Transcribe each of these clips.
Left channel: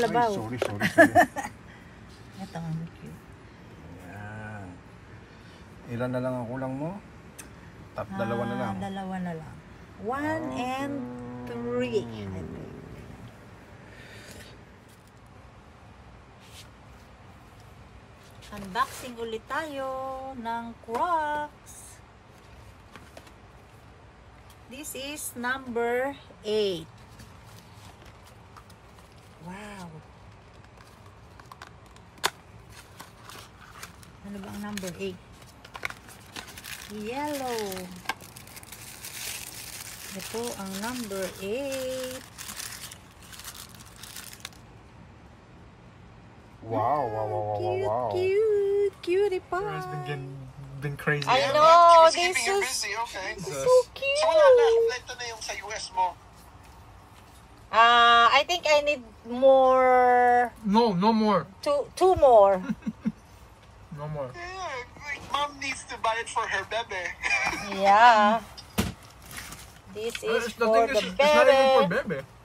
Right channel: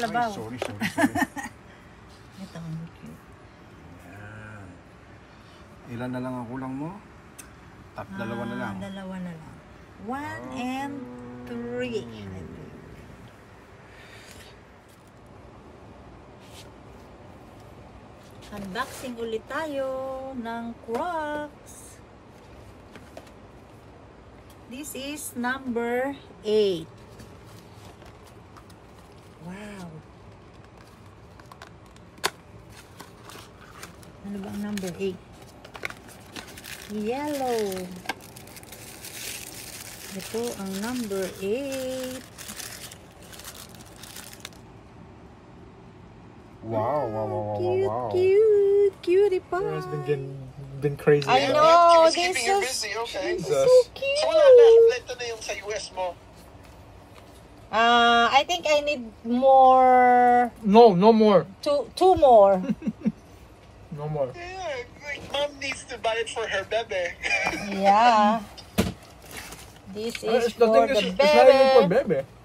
kalabaw. Ay, sorry. Ito ang cute. Ayan. Ilan na lang ang kulang mo? Dalawa na lang. Dalawa na lang. 1 and 3. Unboxing ulit tayo ng Crocs. This is number 8. Wow. Ano ba ang number 8? Yellow. Ito ang number 8. Wow. Cute. Cutie pie. It's been crazy. I huh? know. It's keeping you busy, okay. Jesus. So wala na, kompleto na yung sa US mo. I think I need more. No more. Two more. No more. Yeah, like mom needs to buy it for her bebe. Yeah. This is The for thing the is, it's not even for baby. baby.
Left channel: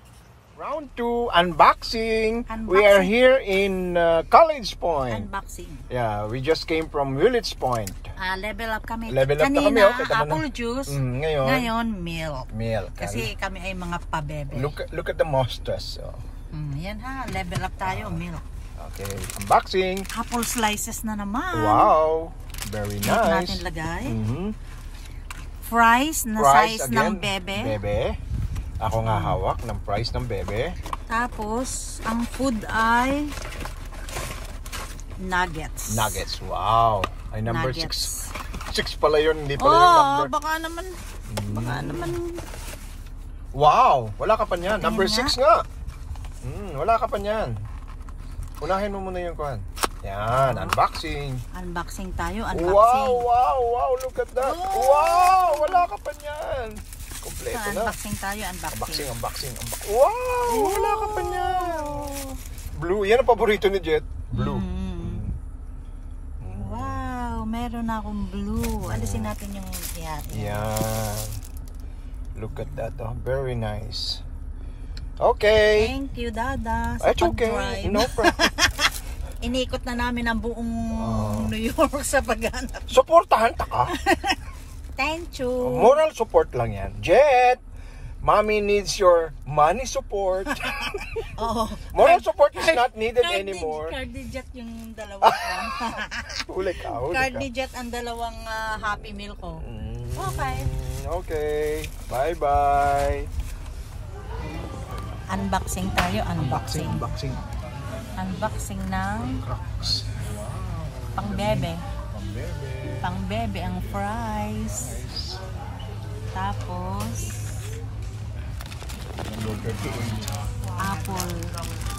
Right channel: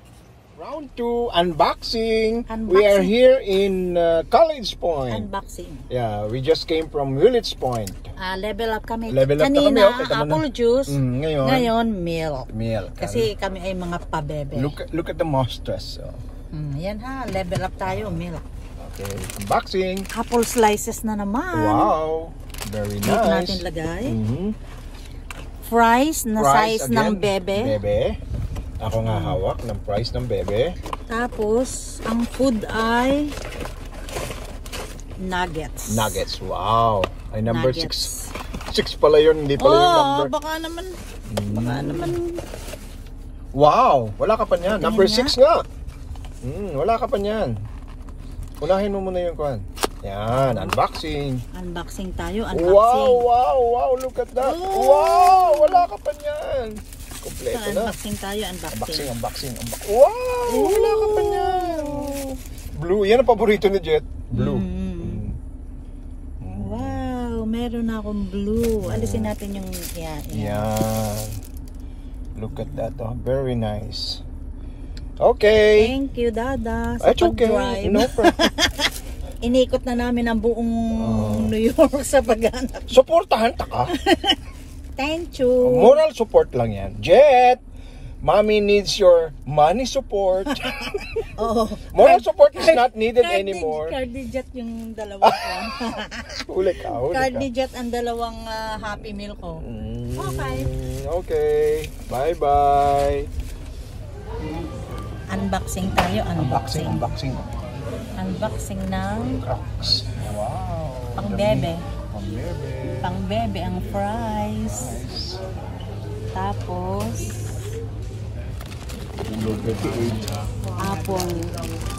Round 2, unboxing. We are here in College Point. Unboxing. Yeah, we just came from Willits Point. Level up kami. Level up na kami, Kanina, okay, tama na. apple juice. Ngayon, milk. milk. Kasi kami ay mga pabebe. Look at the monsters. Oh. Yan ha, level up tayo, milk. Okay, unboxing. Apple slices na naman. Wow, very nice. Milk natin lagay. Mhm. Fries na Fries size again. ng bebe. Bebe. Ako nga hawak ng price ng bebe. Tapos, ang food ay nuggets. Nuggets. Wow. Ay number 6. Nuggets. 6 pala yun, hindi pala yung number. Baka naman. Wow, wala ka pa niyan. Tingin Number nga. 6 nga. Wala ka pa niyan. Unahin mo muna yung kuhan. Yan, unboxing. Unboxing tayo, unboxing. Wow, look at that. Wow, wala ka pa niyan. Kompleto So, na. unboxing tayo, unboxing. Unboxing. Wow, wala ka pa niyan. Blue, yan ang paborito ni Jet. Blue. Wow, meron na akong blue. Alisin natin yung yan. Yan. Look at that. Oh, very nice. Okay. Thank you, Dada, sa It's okay. pag-drive. No problem. Inikot na namin ang buong New York sa paghanap. Suportahan ta ka. Thank you. Moral support lang yan. Jet, mommy needs your money support. Oo. Moral support is not needed anymore. Cardijet yung dalawa ko. Huli ka. Cardijet ang dalawang Happy Meal ko. Okay. Okay. Bye-bye. Unboxing tayo, unboxing. Unboxing. Unboxing ng Crocs. Wow. pang-bebe. Pang-bebe. Pang-bebe ang fries. Tapos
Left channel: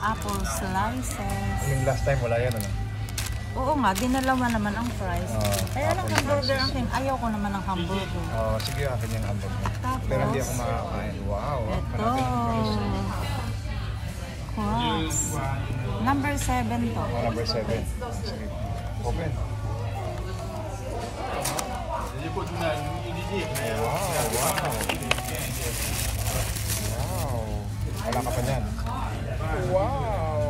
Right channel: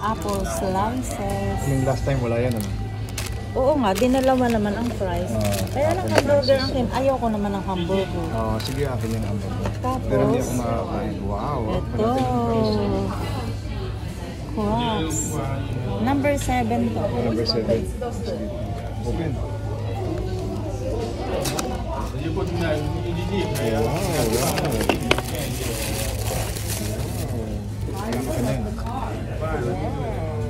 apple slices. Yung last time wala yan. Oo nga, dinalawa naman ang fries. Kaya lang hamburger ang kin. Ayaw ko naman ng hamburger. Sige, akin yun ang Tapos, wow. ito. Crocs. Number 7 to. Number 7. Sige. Open. Wala ka pa yan. Wow.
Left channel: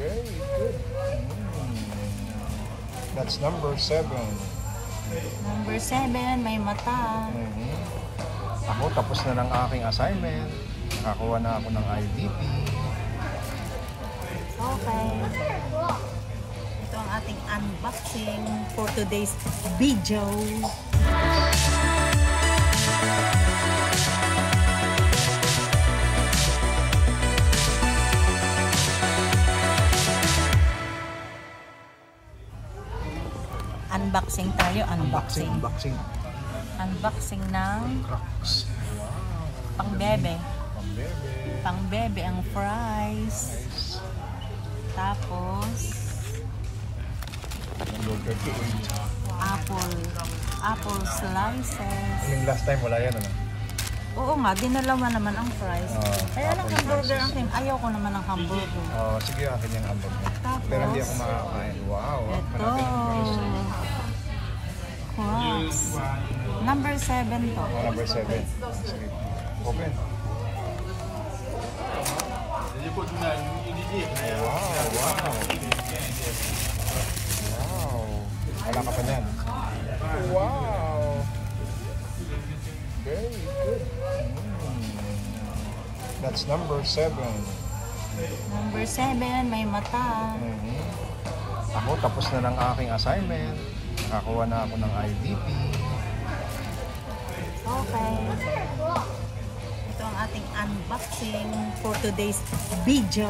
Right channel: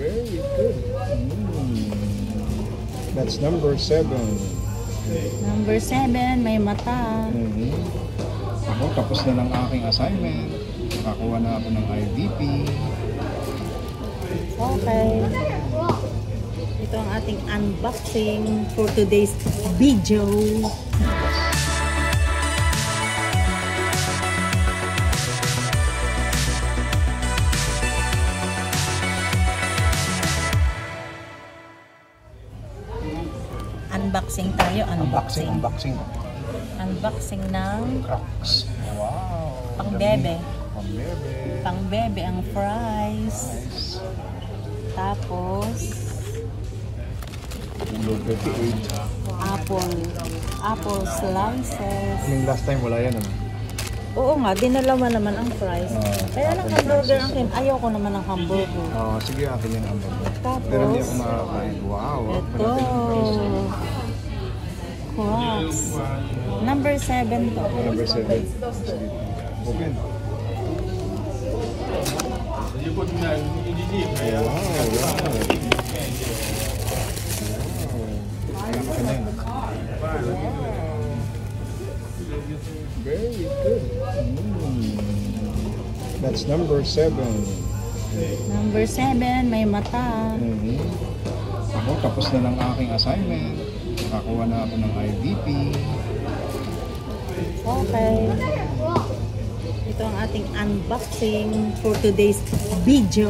Very good. That's number 7. Number 7, may mata. Ako, tapos na ng aking assignment. Nakakuha na ako ng IDP. Okay. Ito ang ating unboxing for today's video. Unboxing tayo, unboxing. Unboxing ng Crocs. Wow. pang-bebe. Pang-bebe. Pang-bebe ang fries. Tapos apple slices. Yung last time wala yan. Oo nga, dinalawa naman ang fries. Kaya lang hamburger ang kin. Ayaw ko naman ng hamburger. Sige, akin yun ang Tapos, wow. ito. Crocs. Number 7 to. Number 7. Sige. Open. Wala ka pa na yan. Wow! Very good. That's number 7. Number 7, may mata. Ako, tapos na ng aking assignment. Nakakuha na ako ng IDP. Okay. Ito ang ating unboxing for today's video.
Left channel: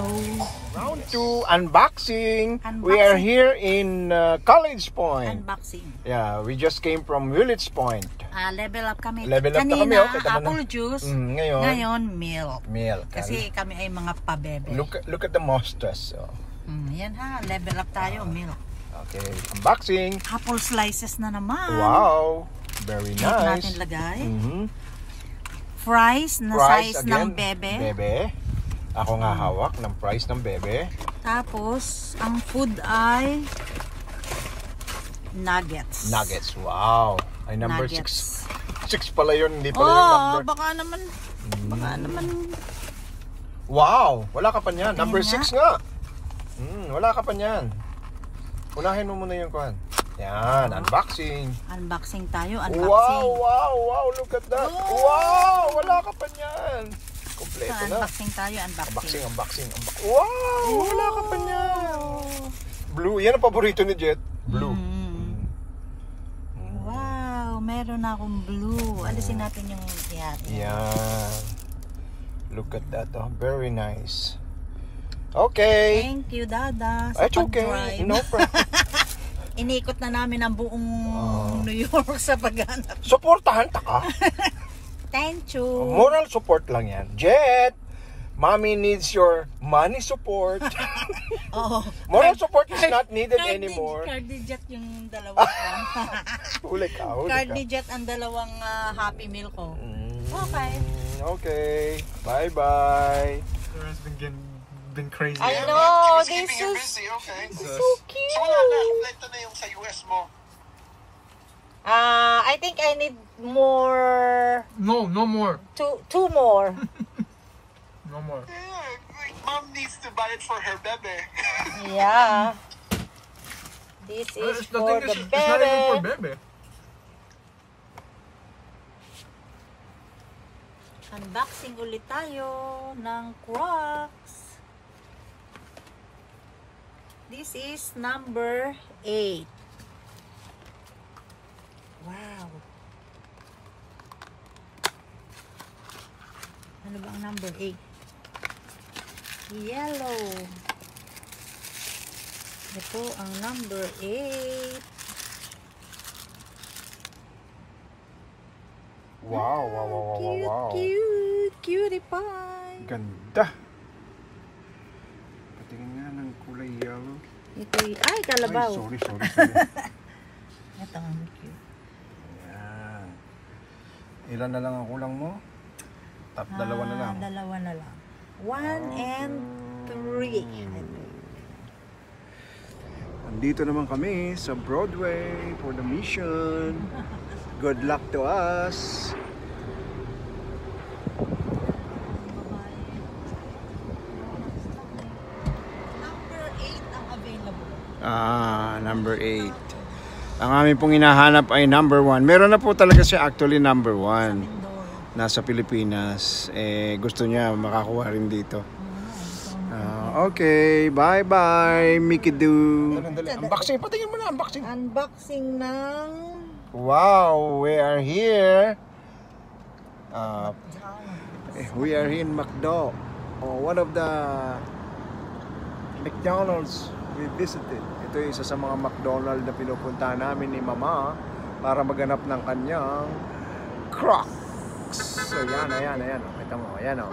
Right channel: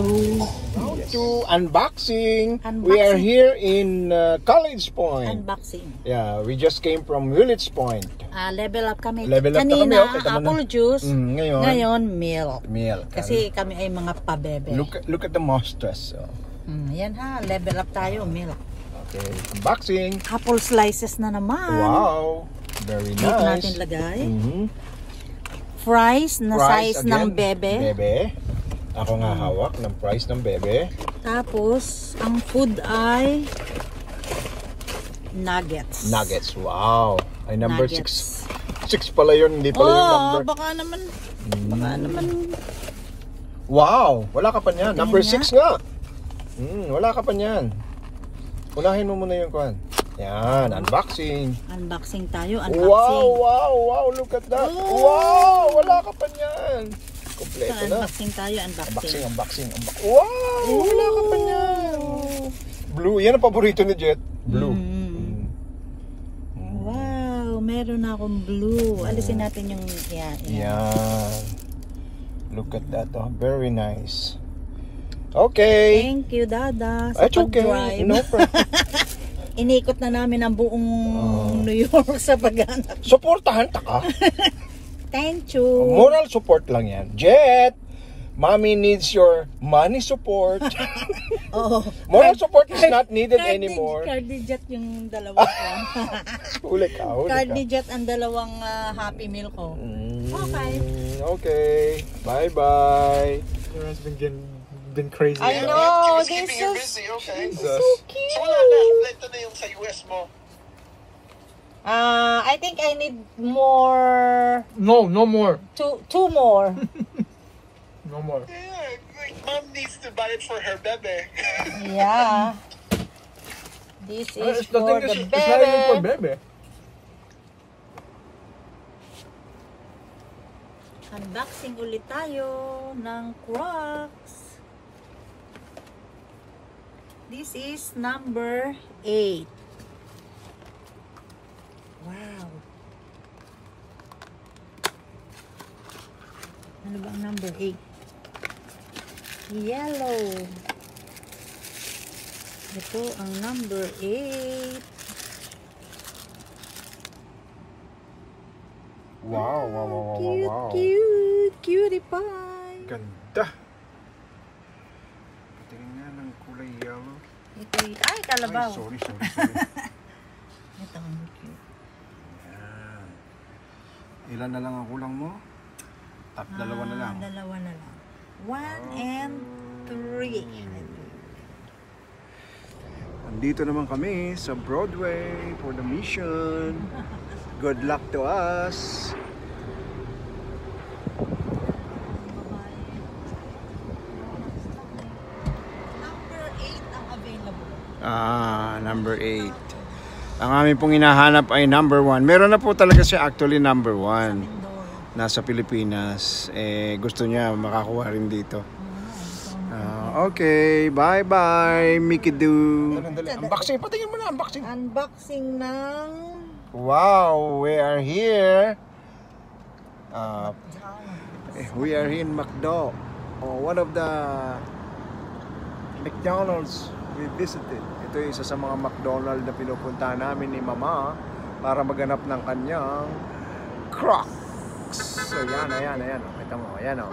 Round 2, unboxing. Unboxing. We are here in College Point. Unboxing. Yeah, we just came from Willits Point. Level up kami. Level up na kami, Kanina, okay, tama na. apple juice. Ngayon, milk. milk. Kasi kami ay mga pabebe. Look at the monsters. Oh. Yan ha, level up tayo, milk. Okay, unboxing. Apple slices na naman. Wow, very Dito nice. natin lagay. Mhm. Fries na Fries size ng again. bebe. Bebe. Ako nga hawak ng price ng bebe. Tapos, ang food ay nuggets. Nuggets. Wow. Ay number 6. Nuggets. 6 pala yun, hindi pala yung Oh, number. baka naman. Wow, wala ka pa niyan. Tingin Number nga. 6 nga. Wala ka pa niyan. Unahin mo muna yung kuhan. Yan, unboxing. Unboxing tayo, Wow, unboxing. wow, look at that. Oh. Wow, wala ka pa niyan. So, Kompleto na. unboxing tayo, unboxing. Unboxing. Wow, wala ka pa niyan. Blue, yan ang paborito ni Jet. Blue. Wow, meron na akong blue. Alisin natin yung yan. Yan. Look at that. Oh, very nice. Okay. Thank you, Dada, sa It's okay. pag-drive. No problem. Inikot na namin ang buong New York sa paghanap. Suportahan ta ka. Thank you. Moral support lang yan. Jet, mommy needs your money support. Oh, Moral support is not needed anymore. Cardijet yung dalawa ko. Huli ka. Cardijet ang dalawang Happy Meal ko. Okay. Okay. Bye-bye. There has been crazy. I Yeah, know, it's keeping you this busy, okay. Jesus. So wala na, kompleto na yung sa US mo. I think I need more. No more. Two more. No more. Yeah, like mom needs to buy it for her bebe. Yeah. This is The thing for is, the it's not even for bebe. bebe. Unboxing ulit tayo ng Crocs. This is number 8. Wow. Ano ba ang number 8? Yellow. Ito ang number 8. Wow. Cute. Cutie pie. Ganda. Patingin nga ng kulay yellow. Ito ay, kalabaw. Ay, sorry. Ito ang cute. Yan. Ilan na lang ang kulang mo? Dalawa na lang. Dalawa na lang. 1 and 3. Andito naman kami sa Broadway for the mission. Good luck to us. Number 8 ang available. Number 8. Ang aming pong hinahanap ay number 1. Meron na po talaga siya actually number 1. Nasa Pilipinas. Gusto niya makakuha rin dito. Okay, bye-bye, Mickey Doo. Unboxing, patingin mo na, unboxing. Unboxing ng Wow, we are here. We are here in McDo. One of the McDonald's we visited. Ito yung isa sa mga McDonald's na pinupuntahan namin ni Mama para maghanap ng kanyang Crocs. So yan. Ito mo, ayan o.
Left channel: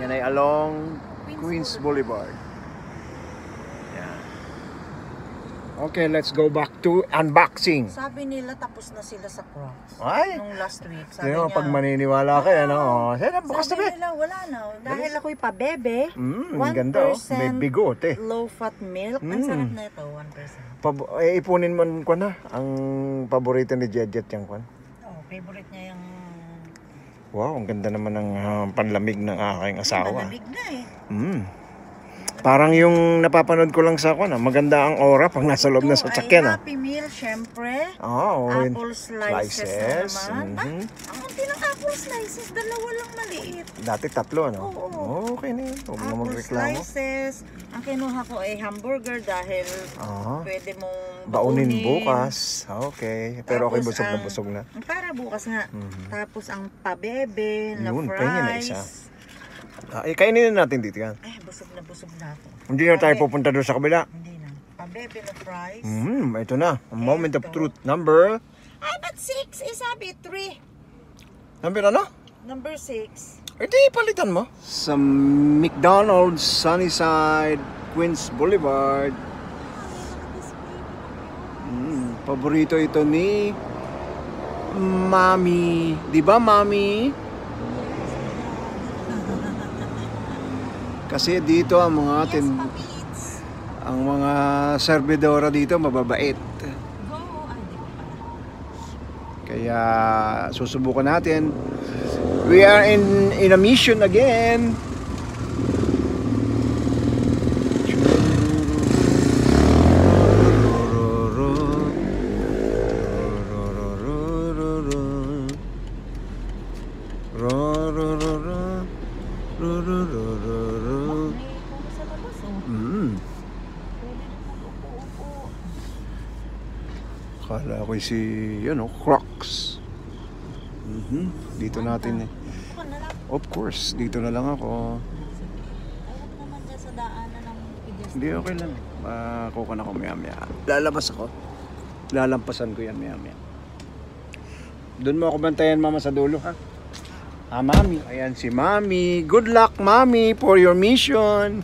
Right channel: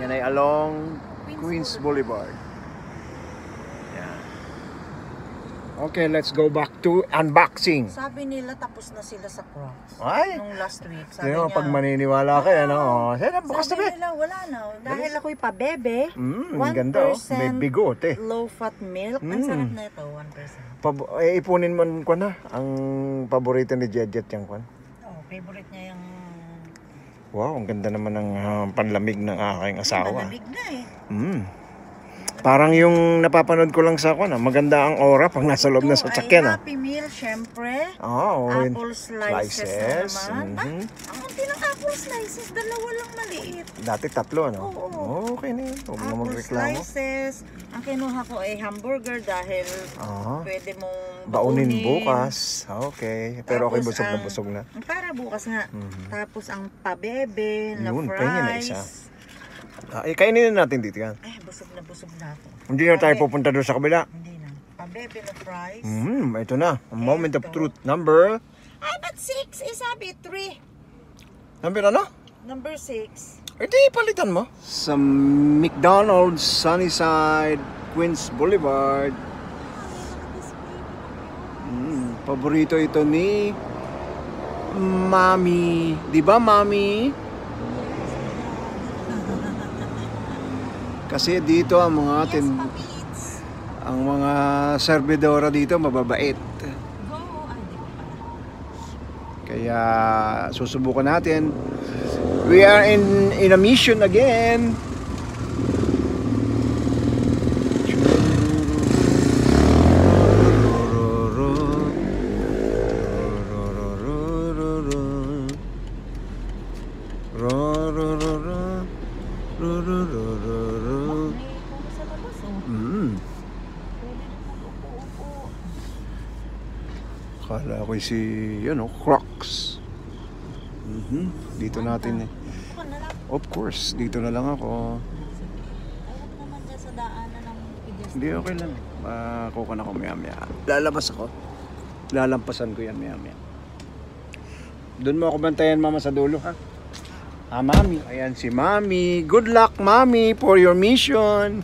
Yan ay along Queens Boulevard. Yan. Okay, let's go back to unboxing. Sabi nila tapos na sila sa Crocs. Ay! Nung last week. Sabi Tingnan mo, niya, pag maniniwala kayo, ano? Bukas na sabi nila wala na. Dahil ako'y pabebe. 1% ganda oh. May bigote. low-fat milk. Ang sarap na ito, 1%. Ipunin mo ko na ang paborito ni Jet yung kwan. Oh, favorite niya yung Wow, ang ganda naman ng panlamig ng aking asawa. Malamig na eh. Parang yung napapanood ko lang sa maganda ang aura pag nasa loob na Ito ay sasakyan. Happy Meal, syempre. Oh, Apple slices na naman. Mhm. Ang konti ng apple slices, dalawa lang maliit. Dati 3, ano? Oo. Okay na yun. Huwag na Apple magreklamo. slices. Ang kinuha ko ay hamburger dahil pwede mong Baunin bukas. Okay. Pero okay, Tapos busog na ang- busog na. Para bukas nga. Tapos ang pabebe na Yun, fries. pahinga na isa. Kainin na natin dito yan. Ay, busog na ako. Hindi na tayo pupunta doon sa kabila. Hindi na. Pabebe na fries. Ito na. A moment of truth. Number? Ay, but 6 eh, sabi 3. Number ano? Number 6. Di palitan mo. Sa McDonald's, Sunnyside, Queens Boulevard. Paborito ito ni Mami. Di ba, Mami? Kasi dito ang mga ang mga servidora dito mababait. Kaya susubukan natin. We are in a mission again. Kala ko si, Crocs. Dito natin eh. Of course, dito na lang ako. Ayaw naman dyan sa daanan ng pedestrian. Hindi, okay lang. Kukuha na ako maya-maya. Lalabas ako. Lalampasan ko yan maya-maya. Doon mo ako bantayan, Mama, sa dulo, ha? Mami. Ayan si Mami. Good luck, Mami, for your mission.